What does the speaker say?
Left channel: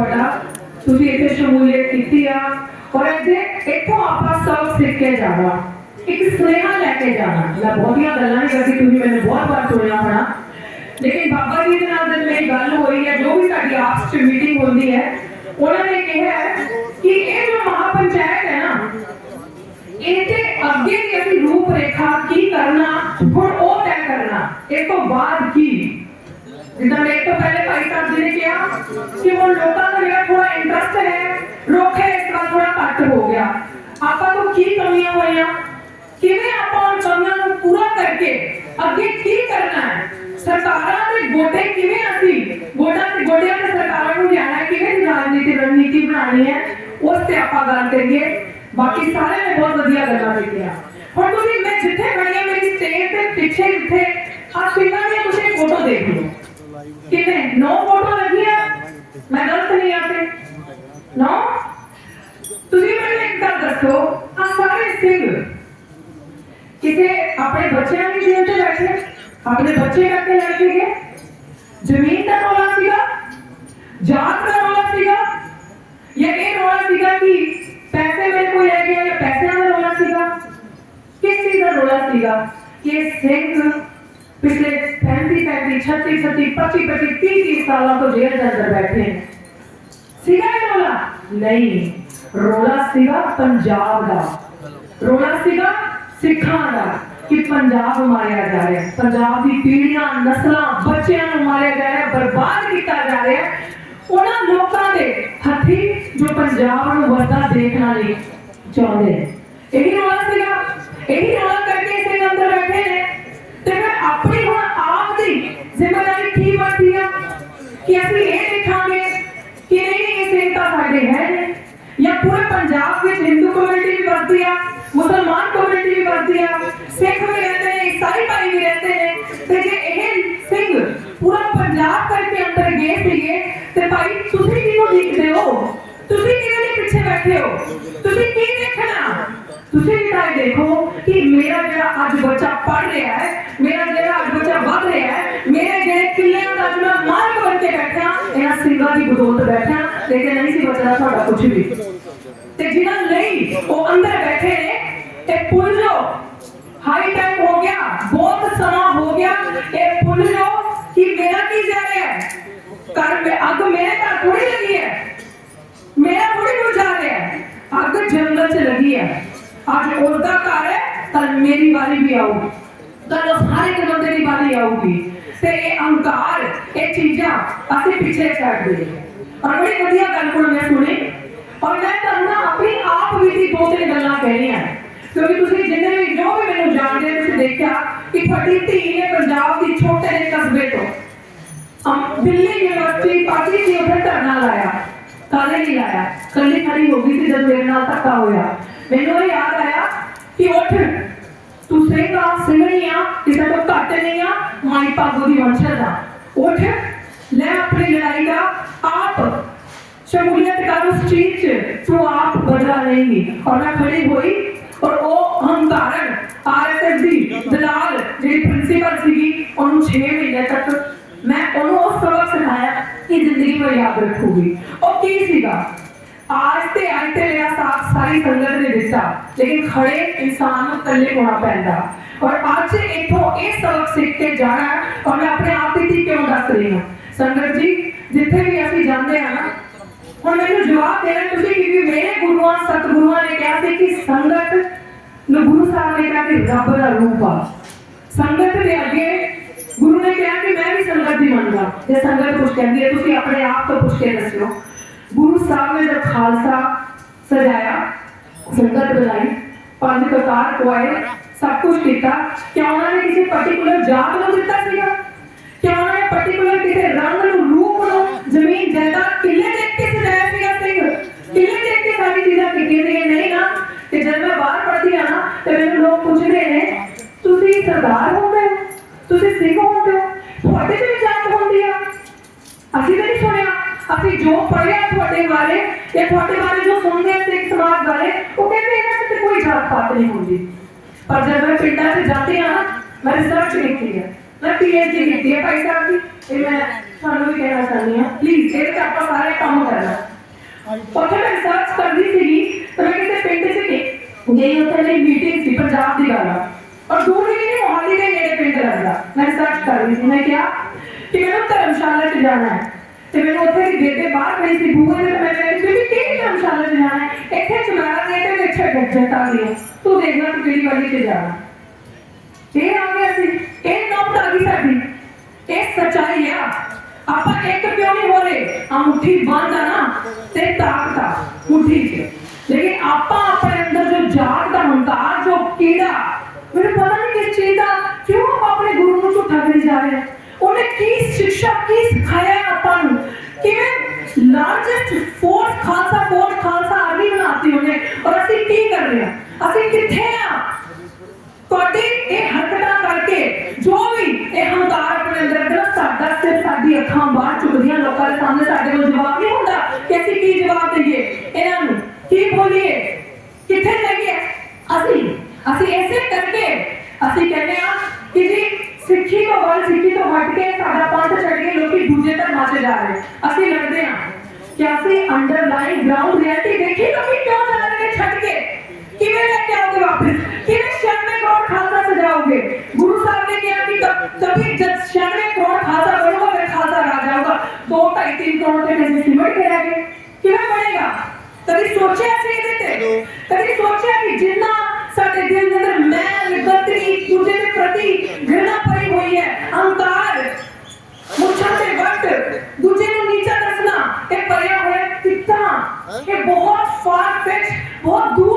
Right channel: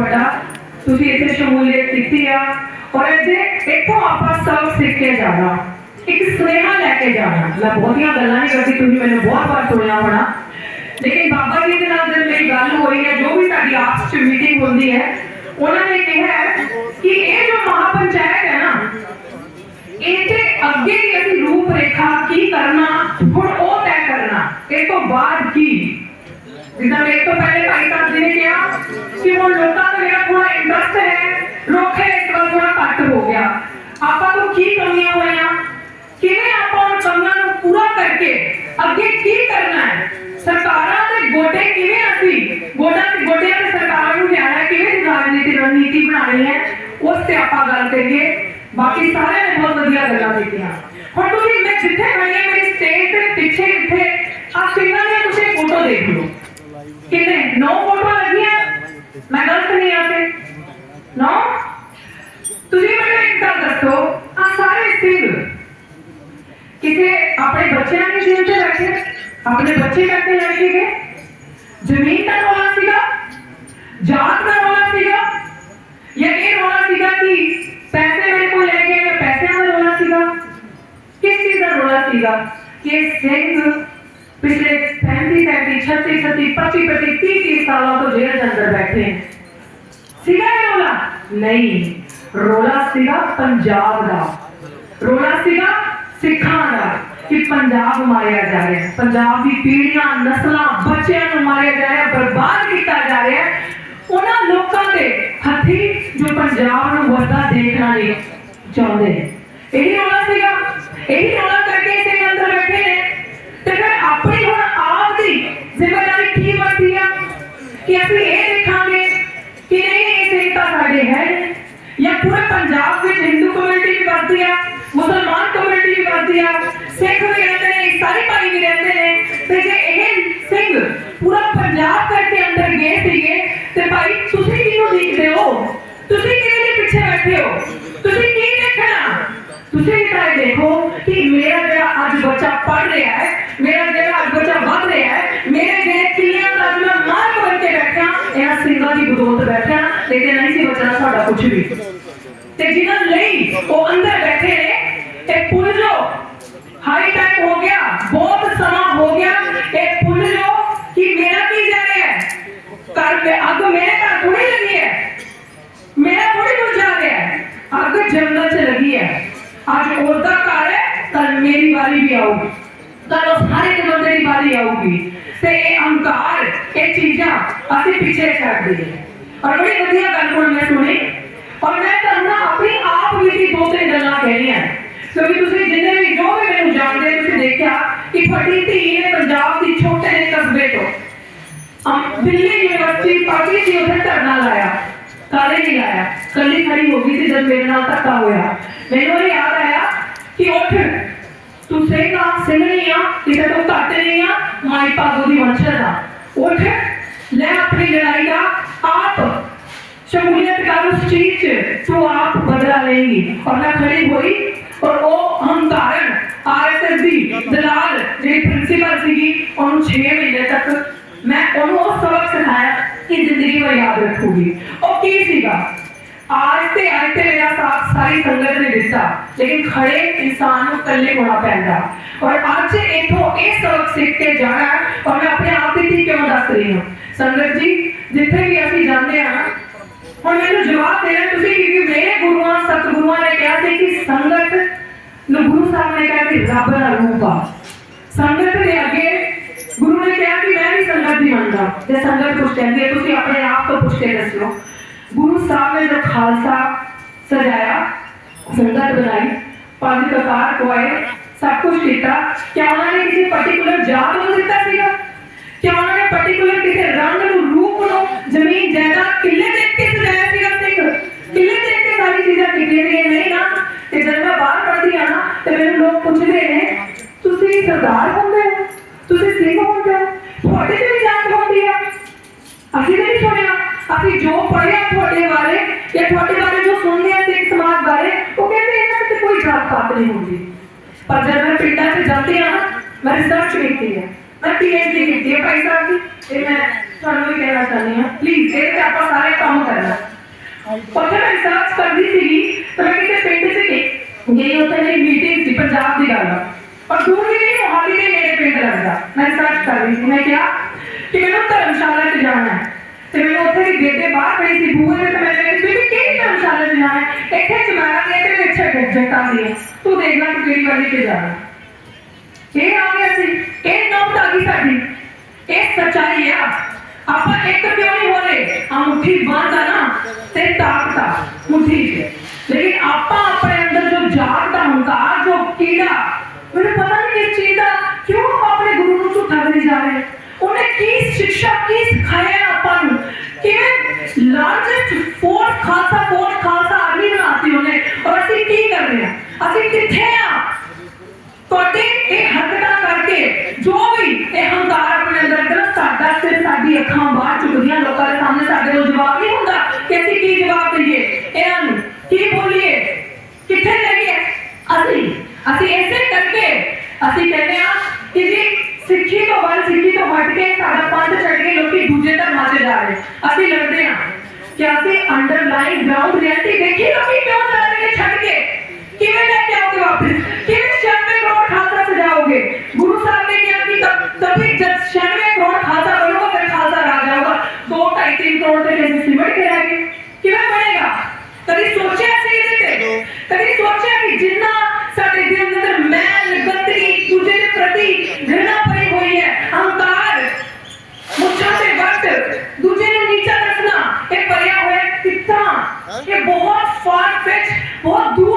ਵੱਡਾ ਤੁਸੀਂ ਇੱਥੇ ਸ਼ਮੂਲੀਅਤ ਕੀਤੀ ਆ ਔਰ ਇੱਥੇ ਇੱਥੋਂ ਆਪਾਂ ਸਭ ਸਿੱਖ ਕੇ ਜਾਣਾ ਇੱਕ ਸੁਨੇਹਾ ਲੈ ਕੇ ਜਾਣਾ ਮੈਂ ਬਹੁਤੀਆਂ ਗੱਲਾਂ ਨਹੀਂ ਕਰਦੀ ਤੁਸੀਂ ਮੈਨੂੰ ਬਹੁਤ ਵਾਰ ਸੁਣਿਆ ਹੋਣਾ ਲੇਕਿਨ ਬਾਬਾ ਜੀ ਦੇ ਨਾਲ ਜਦ ਮੇਰੀ ਗੱਲ ਹੋਈ ਹੈ ਜੋ ਵੀ ਸਾਡੀ ਆਪਸ ਚ ਮੀਟਿੰਗ ਹੁੰਦੀ ਹੈ ਉਹਨਾਂ ਨੇ ਕਿਹਾ ਹੈ ਕਿ ਇਹ ਜੋ ਮਹਾਪੰਚਾਇਤ ਹੈ ਨਾ ਇਹਦੇ ਅੱਗੇ ਦੀ ਅਸੀਂ ਰੂਪ ਰੇਖਾ ਕੀ ਕਰਨਾ ਹੁਣ ਉਹ ਤੈਅ ਕਰਨਾ ਇਹ ਤੋਂ ਬਾਅਦ ਕੀ ਜਿੱਦਾਂ ਮੇਰੇ ਤੋਂ ਪਹਿਲੇ ਭਾਈ ਸਾਹਿਬ ਜੀ ਨੇ ਕਿਹਾ ਕਿ ਹੁਣ ਲੋਕਾਂ ਦਾ ਜਿਹੜਾ ਥੋੜਾ ਇੰਟਰਸਟ ਹੈ ਰੋਖੇ ਇਸ ਵਾਰ ਥੋੜਾ ਘੱਟ ਹੋ ਗਿਆ ਆਪਾਂ ਤੋਂ ਕੀ ਕਮੀਆਂ ਹੋਈਆਂ ਕਿਵੇਂ ਆਪਾਂ ਉਹ ਕਮੀਆਂ ਨੂੰ ਪੂਰਾ ਕਰਕੇ ਅੱਗੇ ਕੀ ਕਰਨਾ ਹੈ ਸਰਕਾਰਾਂ ਦੇ ਗੋਡੇ ਕਿਵੇਂ ਅਸੀਂ ਗੋਡਾ ਤੇ ਗੋਡਿਆਂ ਤੇ ਸਰਕਾਰਾਂ ਨੂੰ ਲਿਆਣਾ ਹੈ ਕਿਵੇਂ ਦੀ ਰਾਜਨੀਤੀ ਰਣਨੀਤੀ ਬਣਾਉਣੀ ਹੈ ਉਸ ਤੇ ਆਪਾਂ ਗੱਲ ਕਰੀਏ ਬਾਕੀ ਸਾਰਿਆਂ ਨੇ ਬਹੁਤ ਵਧੀਆ ਗੱਲਾਂ ਕੀਤੀਆਂ ਹੁਣ ਤੁਸੀਂ ਮੈਂ ਜਿੱਥੇ ਖੜੀ ਹਾਂ ਮੇਰੀ ਸਟੇਜ ਦੇ ਪਿੱਛੇ ਜਿੱਥੇ मैं गलत तो नहीं यहाँ से? नो तुम्हें मैं एक गल दसो आ सारे सिंह किसे? अपने बच्चे की जेल से बैठे अपने बच्चे करके लड़के गए ज़मीन का रोला सीगा जात का रोला सीगा या ये रोला सीगा कि पैसे मेरे को ले गया या पैसे रोला सीगा किस चीज़ का रोला सीगा कि सिंह पिछले पैंतीस पैंतीस, छत्तीस छत्तीस, पच्चीस पच्चीस, तीस तीस सालों को जेल के अंदर बैठे। ਨਹੀਂ। ਰੌਲਾ ਸੀਗਾ ਪੰਜਾਬ ਦਾ। ਰੌਲਾ ਸੀਗਾ ਸਿੱਖਾਂ ਦਾ ਕਿ ਪੰਜਾਬ ਮਾਰਿਆ ਜਾ ਰਿਹਾ ਪੰਜਾਬ ਦੀ ਪੀੜ੍ਹੀਆਂ, ਨਸਲਾਂ, ਬੱਚਿਆਂ ਨੂੰ ਮਾਰਿਆ ਜਾ ਰਿਹਾ ਬਰਬਾਦ ਕੀਤਾ ਜਾ ਰਿਹਾ ਉਹਨਾਂ ਲੋਕਾਂ ਦੇ ਹੱਥੀ ਜੋ ਪੰਜਾਬ ਨੂੰ ਵਰਦਾ ਦੇਖਣਾ ਨਹੀਂ ਚਾਹੁੰਦੇ। ਇਹੀ ਰੌਲਾ ਸੀਗਾ, ਇਹੀ ਰੌਲਾ ਤੇ ਜੇ ਇਹ ਸਿੰਘ ਪੂਰਾ ਪੰਜਾਬ ਕਰਕੇ ਅੰਦਰ ਗਏ ਸੀਗੇ ਤੇ ਭਾਈ ਤੁਸੀਂ ਕਿਹਨੂੰ ਦੇਖਦੇ ਹੋ ਤੁਸੀਂ ਕਿਹਦੇ ਦੇ ਪਿੱਛੇ ਬੈਠੇ ਹੋ ਤੁਸੀਂ ਕੀ ਦੇਖਣਾ ਤੁਸੀਂ ਵੀ ਤਾਂ ਇਹ ਦੇਖੋ ਕਿ ਮੇਰਾ ਜਿਹੜਾ ਅੱਜ ਬੱਚਾ ਪੜ ਰਿਹਾ ਹੈ ਮੇਰਾ ਜਿਹੜਾ ਅੱਜ ਬੱਚਾ ਵੱਧ ਰਿਹਾ ਹੈ ਮੇਰੇ ਜਿਹੜੇ ਕਿੱਲਿਆਂ ਦਾ ਅੱਜ ਮੈਂ ਮਾਲਕ ਬਣ ਕੇ ਬੈਠਾ ਇਹਨਾਂ ਸਿੰਘਾਂ ਦੀ ਬਦੌਲਤ ਬੈਠਾ ਲੇਕਿਨ ਨਹੀਂ ਸੀ ਬਚਣਾ ਸਾਡਾ ਕੁਝ ਵੀ ਤੇ ਜਿਨ੍ਹਾਂ ਲਈ ਉਹ ਅੱਜ ਉਸ ਦਾ ਘਰ ਹੈ ਕੱਲ ਮੇਰੀ ਵਾਰੀ ਵੀ ਆਊਗੀ ਕੱਲ ਉਸ ਹਰ ਇੱਕ ਬੰਦੇ ਦੀ ਵਾਰੀ ਆਊਗੀ ਤੇ ਇਹ ਅਹੰਕਾਰ ਇਹ ਚੀਜ਼ਾਂ ਅਸੀਂ ਪਿੱਛੇ ਛੱਡ ਦਈਏ ਔਰ ਬੜੀ ਵਧੀਆ ਗੱਲ ਕੋਲ ਮੈਂ ਸੁਣੀ ਔਰ ਮੈਂ ਤੁਹਾਨੂੰ ਨਾ ਆਪਣੀ ਆਪ ਵੀ ਦੀ ਦੋ ਤਿੰਨ ਗੱਲਾਂ ਕਹਿਣੀਆਂ ਕਿਉਂਕਿ ਤੁਸੀਂ ਜਿੰਨੇ ਵੀ ਜੋ ਵੀ ਮੈਨੂੰ ਜਾਣਦੇ ਹੋ, ਤੁਸੀਂ ਦੇਖਿਆ ਕਿ ਫਟੀ ਧੀ ਨੇ ਪੰਜਾਬ ਦੀ ਛੋਟੇ ਜਿਹੇ ਕਸਬੇ ਤੋਂ ਅਮ ਦਿੱਲੀ ਯੂਨੀਵਰਸਿਟੀ ਪਾਰਟੀ ਸੀ ਉੱਥੇ ਧਰਨਾ ਲਾਇਆ ਕਾਲੇ ਨਹੀਂ ਲਾਇਆ ਕੱਲੀ ਖੜੀ ਹੋ ਗਈ ਸੀ ਜਦ ਮੇਰੇ ਨਾਲ ਧੱਕਾ ਹੋਇਆ ਮੈਨੂੰ ਇਹ ਯਾਦ ਆਇਆ ਕਿ ਉੱਠ, ਤੂੰ ਸੇਗਾ ਸਿੰਘਣੀ ਆ ਕਿਸੇ ਤੋਂ ਘੱਟ ਨਹੀਂ ਆ, ਮਾਈ ਭਾਗੋ ਦੀ ਵੰਸ਼ਜ ਆ। ਉੱਠ, ਲੈ ਆਪਣੀ ਲੜਾਈ ਦਾ ਆਪ। ਸ਼ਮੂਲੀਅਤ ਕਰ ਉਸ ਚੀਜ਼ 'ਚ ਤੂੰ ਆਪ ਬਦਲਾ ਲਏਗੀ। ਔਰ ਮੈਂ ਖੜੀ ਹੋਈ, ਔਰ ਉਹ ਹੰਕਾਰਨ, ਆਰਐਸਐਸ ਦੀ ਦਲਾਲ, ਜਿਹੜੀ ਪ੍ਰਿੰਸੀਪਲ ਸੀਗੀ, ਉਹਨੂੰ 6 ਮਹੀਨੇ ਤੱਕ ਮੈਂ ਉਹਨੂੰ ਉਹ ਸਬਕ ਸਿਖਾਇਆ ਕਿ ਜ਼ਿੰਦਗੀ ਭਰ ਯਾਦ ਰੱਖੂਗੀ। ਉਹ ਕੀ ਸੀਗਾ? ਆਜ ਤੇ ਅੱਜ ਤੇ ਮੇਰਾ ਸਾਰੀ ਸੰਗਤ ਨੇ ਦਿੱਤਾ ਲੇਕਿਨ ਖੜੇ ਇਨਸਾਨ ਨੂੰ ਇਕੱਲੇ ਹੋਣਾ ਪੈਂਦਾ ਔਰ ਅੱਜ ਇਥੋਂ ਇਹ ਸਬਕ ਸਿੱਖ ਕੇ ਜਾਣਾ ਹੈ ਔਰ ਮੈਂ ਆਪਣੇ ਆਪ ਦੀ ਧੀ ਕਿਉਂ ਦੱਸ ਰਹੀ ਹਾਂ ਸੰਗਤ ਜੀ ਜਿੱਥੇ ਵੀ ਅਸੀਂ ਜਾਂਦੇ ਆ ਨਾ ਹੁਣ ਮੈਨੂੰ ਜਵਾਬ ਦੇਣਾ ਤੁਸੀਂ ਕਿ ਮੇਰੇ ਗੁਰੂਆਂ ਸਤਿਗੁਰੂਆਂ ਨੇ ਕਿਹਾ ਸੀ ਕਿ ਸੰਗਤ ਨੂੰ ਗੁਰੂ ਸਾਹਿਬ ਨੇ ਕਿਹਾ ਕਿ ਰੱਬ ਦਾ ਰੂਪ ਆ ਸੰਗਤ ਦੇ ਅੱਗੇ ਗੁਰੂ ਨੇ ਕਿਹਾ ਕਿ ਮੈਂ ਵੀ ਸੰਗਤ ਦੀ ਮੰਨਦਾ ਤੇ ਸੰਗਤ ਕੁਝ ਕਹਿੰਦੀ ਹੈ ਤੁਸੀਂ ਆਪਣੇ ਆਪ ਤੋਂ ਪੁੱਛ ਕੇ ਦੱਸਿਓ ਗੁਰੂ ਸਾਹਿਬ ਨੇ ਜਦ ਖਾਲਸਾ ਕਕਾਰ ਕੋਏ ਸਭ ਕੁਝ ਕੀਤਾ ਕਿ ਉਹਨਾਂ ਨੇ ਕਿਸੇ ਪਾਰਟਿਕੂਲਰ ਜਾਤ ਨੂੰ ਦਿੱਤਾ ਸੀਗਾ ਕਿ ਉਹਨਾਂ ਨੇ ਪਾਰਟਿਕੂਲਰ ਕਿਸੇ ਰੰਗ ਨੂੰ ਰੂਪ ਨੂੰ ਜ਼ਮੀਨ ਜਾਇਦਾਦ ਕਿੱਲੇ ਦੇਖ ਕੇ ਸਜਾਇਆ ਸੀਗਾ ਸਿੰਘ ਕਿੱਲੇ ਦੇਖ ਕੇ ਸਾਰੀ ਚੀਜ਼ਾਂ ਕਿੱਥੇ ਦੀਆਂ ਨਹੀਂ ਨਾ ਤੇ ਜਦ ਮੈਂ ਬਾਹਰ ਪੜ੍ਹਦੀ ਆ ਨਾ ਤੇ ਮੈਨੂੰ ਲੋਕ ਪੁੱਛਦੇ ਨੇ ਤੁਸੀਂ ਸਰਦਾਰ ਹੁੰਦੇ ਹੋ ਤੁਸੀਂ ਸਿੰਘ ਹੁੰਦੇ ਹੋ ਤੁਹਾਡੇ ਤੇ ਵੀ ਜਾਤ ਹੁੰਦੀ ਆ ਅਸੀਂ ਤਾਂ ਨਹੀਂ ਸੁਣਿਆ ਅਸੀਂ ਜੋ ਪੜ੍ਹਿਆ ਤੁਹਾਡੇ ਬਾਰੇ ਜਾਂ ਤੁਹਾਡੇ ਬਾਰੇ ਜੋ ਸੁਣਦੇ ਆ ਸਿੱਖ ਸਮਾਜ ਬਾਰੇ ਉਹ कोई जात पात नहीं होंगी पर जब मैं पिंडा से जाती है ना मैं रिसर्च ਕੀਤੀ ਹੈ ਮੈਂ ਪੀਐਚਡੀ ਕੀਤੀ ਹੈ ਭਾਈ ਸਾਹਿਬ ਦੀ ਇਹ ਮੈਂ ਤੁਹਾਨੂੰ ਵੀ ਕਹਿਣਾ ਚਾਹੁੰਦੀ ਹਾਂ ਪਲੀਜ਼ ਇਹ ਤੇ ਆਪਾਂ ਸਾਰੇ ਕੰਮ ਕਰਨਾ ਉੱਥੇ ਮੈਂ ਰਿਸਰਚ ਕਰਦੀ ਸੀਗੀ ਤਾਂ ਮੈਂ ਕਿਸੇ ਪਿੰਡ ਸੇ ਗਈ ਉੱਥੇ ਮੇਰੀ ਮੀਟਿੰਗ ਸੀ ਪੰਜਾਬ ਦੀ ਗੱਲ ਔਰ ਦੂਰ ਦੀ ਨਹੀਂ ਮੋਹਾਲੀ ਦੇ ਮੇਰੇ ਪਿੰਡ ਲੱਗਦਾ ਮੈਂ ਰਿਸਰਚ ਕਰ ਰਹੀ ਸੀ ਮੈਂ ਕਿਹਾ ਕਿ ਮੈਨੂੰ ਧਰਮਸ਼ਾਲਾ ਚ ਜਾਣਾ ਹੈ ਤੇ ਮੈਨੂੰ ਉੱਥੇ ਦੀ ਗੇਟੇ ਬਾਹਰ ਪਈ ਸੀ ਬੂਹੇ ਦੇ ਤੇ ਮੈਂ ਕਿਹਾ ਕਿ ਕਿਹੜੀ ਧਰਮਸ਼ਾਲਾ ਚ ਜਾਣਾ ਹੈ ਇੱਥੇ ਚਮਾਰਾ ਦੇ ਤੇ झटा लिए तू देखला तू केळी भाजी ते जाणार हे आम्ही असे हे नवतागीसाठी हे सच्चाई या आपण एक क्यों नहीं बोले? हम मुट्ठी बांधा ना। से ताकता मुट्ठी लेकिन आपा ਜਵਾਬ ਨਹੀਂ ਹੁੰਦਾ ਕਿ ਅਸੀਂ ਕੀ ਜਵਾਬ ਦਈਏ ਇਹਨਾਂ ਨੂੰ ਕੀ ਬੋਲੀਏ ਕਿੱਥੇ ਲੱਗੇ ਅਸੀਂ ਅਸੀਂ ਐਸੇ ਕਰਕੇ ਅਸੀਂ ਕਹਿੰਦੇ ਆ ਕਿ ਜੀ ਸਿੱਖੀ ਤੋਂ ਵੱਲ ਸਿੱਖੀ ਤੋਂ ਹਟ ਕੇ ਸਾਡਾ ਪੰਥ ਛੱਡ ਕੇ ਲੋਕੀ ਦੂਜੇ ਧਰਮਾਂ 'ਤੇ ਜਾ ਰਹੇ ਅਸੀਂ ਲੜਦੇ ਆ ਕਿ ਅਸੀਂ ਅੰਡਰਲਾਈਨ ਗਰਾਊਂਡ ਰਿਐਲਿਟੀ ਦੇਖੀ ਲੋਕੀ ਕਿਉਂ ਜਾ ਰਹੇ ਨੇ ਛੱਡ ਕੇ ਕਿਵੇਂ ਲੈ ਕੇ ਆਓਗੇ ਵਾਪਸ ਕਿਵੇਂ 96 ਕਰੋੜ ਖਾਲਸਾ ਸਜਾਓਗੇ ਗੁਰੂ ਸਾਹਿਬ ਨੇ ਕਿਹਾ ਕਿ निवड केला गेल किंवा बनेगा कभी सोचे असे देते कभी सोचे कि जिन्ना साडे दिल के अंदर मैल गंदगी तुझे के प्रति घृणा भरी हुई है अहंकार मुझसे वक्त दूजे ने नीचा दसना एक पर्या है कितना ये हाँ? बहुत फार फेच बहुत दूर